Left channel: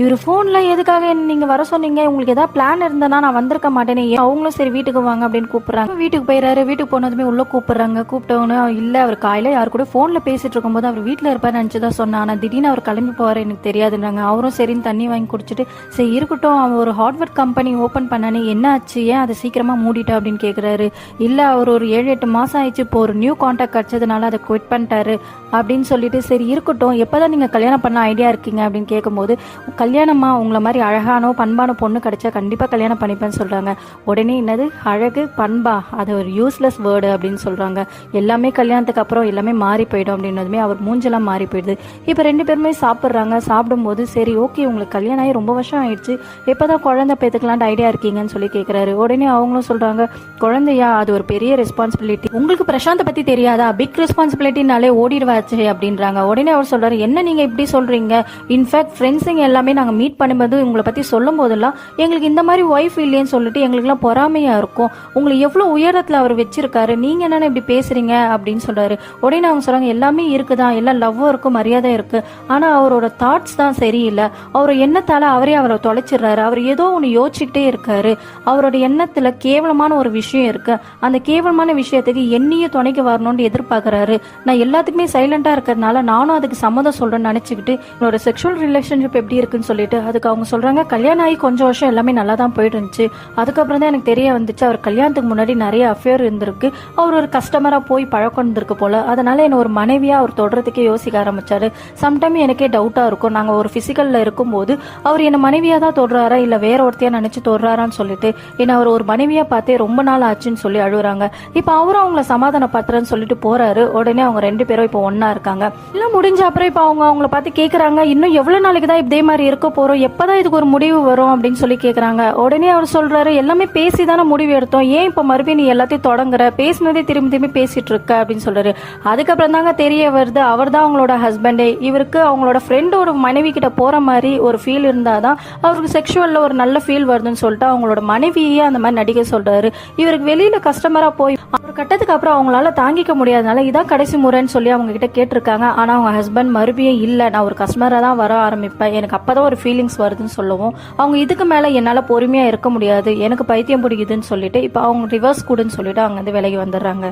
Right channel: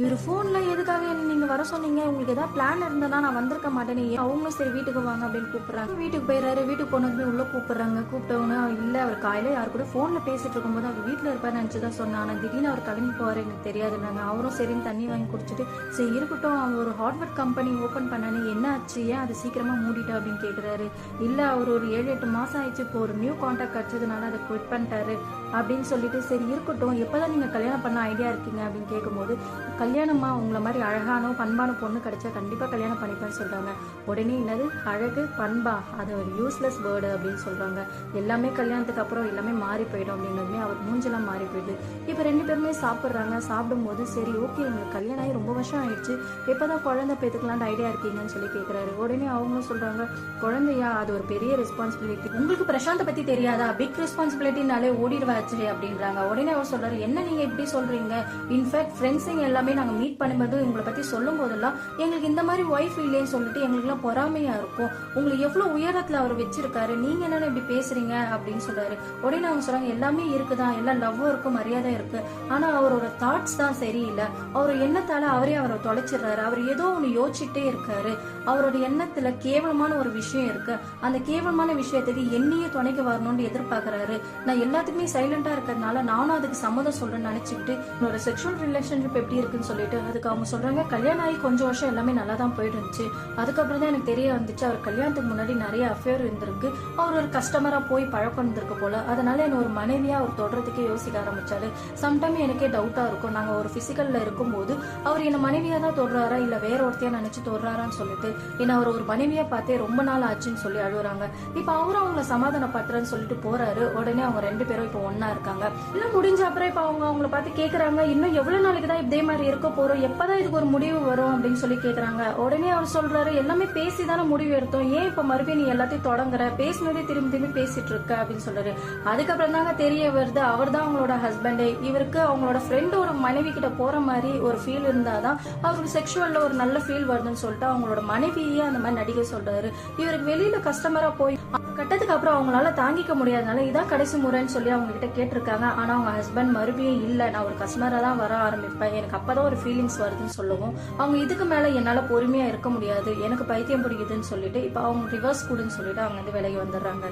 இவர் ஃபோனில் எதுக்காக நீங்கள் வர சொன்னீங்க, உங்களுக்கு ஏதாவது பிளான் இருந்தனா நான் வந்திருக்க மாட்டேனே. அவங்களும் சரி வீட்டுக்கு வாங்க அப்படின்னு கூப்பிட்றாங்க. வீட்டுக்கு போயிடறாரு. வீட்டுக்கு போனதுமே உள்ளே கூப்பிட்றாங்க. கூப்பிட்டவொன்னே இல்லை, அவர் காலையில் யார் கூட ஃபோனில் பேசிட்டு இருக்கும்போது அவர் வீட்டில் இருப்பார் நினச்சி தான் சொன்னேன். ஆனால் திடீர்னு அவர் கிளம்பி போவார், எனக்கு தெரியாதுன்றாங்க. அவரும் சரின்னு தண்ணி வாங்கி குடிச்சிட்டு சரி இருக்கட்டும், அவன் ஒரு ஹார்ட்வேர் கம்பெனி ஓப்பன் பண்ணானே, என்ன ஆச்சு, ஏன் அதை சீக்கிரமாக மூடிட்டா அப்படின்னு கேட்குறாரு. இல்லை, அவர் ஒரு 7-8 மாதம் ஆயிடுச்சு, இப்போ ஒரு நியூ கான்ட்ராக்ட் கிடச்சதுனால அதை குவிட் பண்ணிட்டாரு அப்படின்னு சொல்லிட்டு சரி இருக்கட்டும், எப்போதான் நீங்கள் கல்யாணம் பண்ண ஐடியா இருக்கீங்க அப்படின்னு கேட்கும்போது, கல்யாணமா உங்களை மாதிரி அழகானோ பண்பான பொண்ணு கிடைச்சா கண்டிப்பாக கல்யாணம் பண்ணிப்பேன்னு சொல்கிறாங்க. உடனே என்னது அழகு பண்பா, அது ஒரு யூஸ்லெஸ் வேர்டு அப்படின்னு சொல்கிறாங்க. எல்லாமே கல்யாணத்துக்கு அப்புறம் எல்லாமே மாறி போயிடும் அப்படின்னதுமே அவர் மூஞ்செல்லாம் மாறி போயிடுது. இப்போ 2 பேருமே சாப்பிட்றாங்க. சாப்பிடும்போது சரி ஓகே, உங்களுக்கு கல்யாணம் ஆகி ரொம்ப வருஷம் ஆயிடுச்சு, எப்போதான் குழந்தை பெற்றுக்கலான்ட்டு ஐடியா இருக்கீங்கன்னு சொல்லி கேட்குறாரு. உடனே அவங்களும் சொல்கிறாங்க, குழந்தையா அது ஒரு பெரிய ரெஸ்பான்சிபிலிட்டி, உங்களுக்கு பிரசாந்தை பற்றி தெரியாதா, பிக் ரெஸ்பான்சிபிலிட்டினாலே ஓடிடுவாச்சு அப்படின்றாங்க. உடனே அவர் சொல்கிறாரு, என்ன நீங்கள் இப்படி சொல்கிறீங்க, இன்ஃபேக்ட் ஃப்ரெண்ட்ஸுங்க எல்லாமே நாங்கள் மீட் பண்ணும்போது உங்களை பற்றி சொல்லும் போதெல்லாம் எங்களுக்கு இந்த மாதிரி ஒய்ஃப் இல்லைன்னு சொல்லிட்டு எங்களுக்குலாம் பொறாமையாக இருக்கும், உங்களை எவ்வளோ உயரத்தில் அவர் வச்சிருக்காரு, நீங்கள் என்னென்ன இப்படி பேசுகிறீங்க அப்படின்னு சொல்கிறாரு. உடனே அவங்க சொல்கிறாங்க, எல்லாமே இருக்குதான், எல்லாம் லவ்வும் இருக்குது, மரியாதை இருக்குது, ஆனால் அவரோட தாட்ஸ் தான் சரியில்லை, அவர் எண்ணத்தால் அவரை தொலைச்சிடுறாரு, அவர் ஏதோ ஒன்று யோசிச்சுட்டே இருக்காரு, அவரோட எண்ணத்தில் கேவலமான ஒரு விஷயம் இருக்குது, அந்த கேவலமான விஷயத்துக்கு என்னையும் துணைக்கு வரணும்னு எதிர்பார்க்குறாரு, நான் எல்லாத்துக்குமே சைலண்டாக இருக்கிறதுனால நானும் அதுக்கு சம்மதம் சொல்கிறேன்னு நினச்சிக்கிட்டு என்னோட செக்ஷுவல் ரிலேஷன்ஷிப் எப்படி இருக்குன்னு சொல்லிட்டு அதுக்கு அவங்க சொல்கிறாங்க, கல்யாணம் ஆகி கொஞ்சம் வருஷம் எல்லாமே நல்லா தான் போயிட்டு இருந்துச்சு, அதுக்கப்புறம் தான் எனக்கு தெரிய வந்துச்சு அவர் கல்யாணத்துக்கு முன்னாடி நிறைய அஃபேர் இருந்திருக்கு, அவர் ஒரு கஸ்டமராக போய் பழக்கம் இருந்திருக்கு போல, அதனால என்ன ஒரு மனைவியாக அவர் தொடர்றதுக்கே யோசிக்க ஆரம்பிச்சாரு. சம்டைம் எனக்கே டவுட்டாக இருக்கும், நாங்கள் ஒரு ஃபிசிக்கலில் இருக்கும்போது அவர் என்னை மனைவியாக தான் தொடுறாரா இல்லை வேற ஒருத்தையா நினச்சி தொடுறாரான்னு சொல்லிட்டு என்ன அவர் ஒரு மனைவியாக பார்த்தே ரொம்ப நாள் ஆச்சுன்னு சொல்லி அழுகுறாங்க. இப்போ அவரும் அவங்கள சமாதானப்படுத்துறேன்னு சொல்லிட்டு போறாரு. உடனே அவங்க 2 பேரும் இப்போ ஒன்னா இருக்காங்க. எல்லாம் முடிஞ்ச அப்புறம் இப்போ அவங்கள பார்த்து கேட்குறாங்க, இன்னும் எவ்வளோ நாளைக்கு தான் இதே மாதிரி இருக்க போகிறோம், எப்போதான் இதுக்கு ஒரு முடிவு வரும் அப்படின்னு சொல்லி கேட்குறாங்க. உடனே அவர் சொல்கிறாரு, எல்லாமே பேசி தானே முடிவு எடுத்தோம், ஏன் இப்போ மறுபடியும் நீ எல்லாத்தையும் தொடங்குற, பேசினதே திரும்பி திரும்பி பேசிட்டு இருக்க அப்படின்னு சொல்கிறாரு. அதுக்கப்புறம் தாங்க தெரிய வருது, அவர் தான் அவங்களோட ஹஸ்பண்டே, இவருக்கு அவங்களோட ஃப்ரெண்டு ஒரு மனைவி கிட்ட போகிற மாதிரி ஒரு ஃபீல் இருந்தால் தான் அவருக்கு செக்ஷுவலில் ஒரு நல்ல ஃபீல் வருதுன்னு சொல்லிட்டு அவங்களோட மனைவியே அந்த மாதிரி நடிக்க சொல்கிறாரு. இவருக்கு வெளியில் கஸ்டமராக போய் ஒரு கட்டத்துக்கு அப்புறம் அவங்களால தாங்கிக்க முடியாதனால இதான் கடைசி முறைன்னு சொல்லி அவங்க கிட்ட கேட்டிருக்காங்க. ஆனால் அவங்க ஹஸ்பண்ட் மறுபடியும் இல்லை, நான் ஒரு கஸ்டமராக தான் வர ஆரம்பிப்பேன், எனக்கு அப்போதான் ஒரு ஃபீலிங்ஸ் வருதுன்னு சொல்லவும் அவங்க இதுக்கு மேலே என்னால் பொறுமையாக இருக்க முடியாது, எனக்கு பைத்தியம் பிடிக்குதுன்னு சொல்லிட்டு இப்போ அவங்க ரிவர்ஸ் கூடுன்னு சொல்லிட்டு அங்கேருந்து விலகி வந்துடுறாங்க.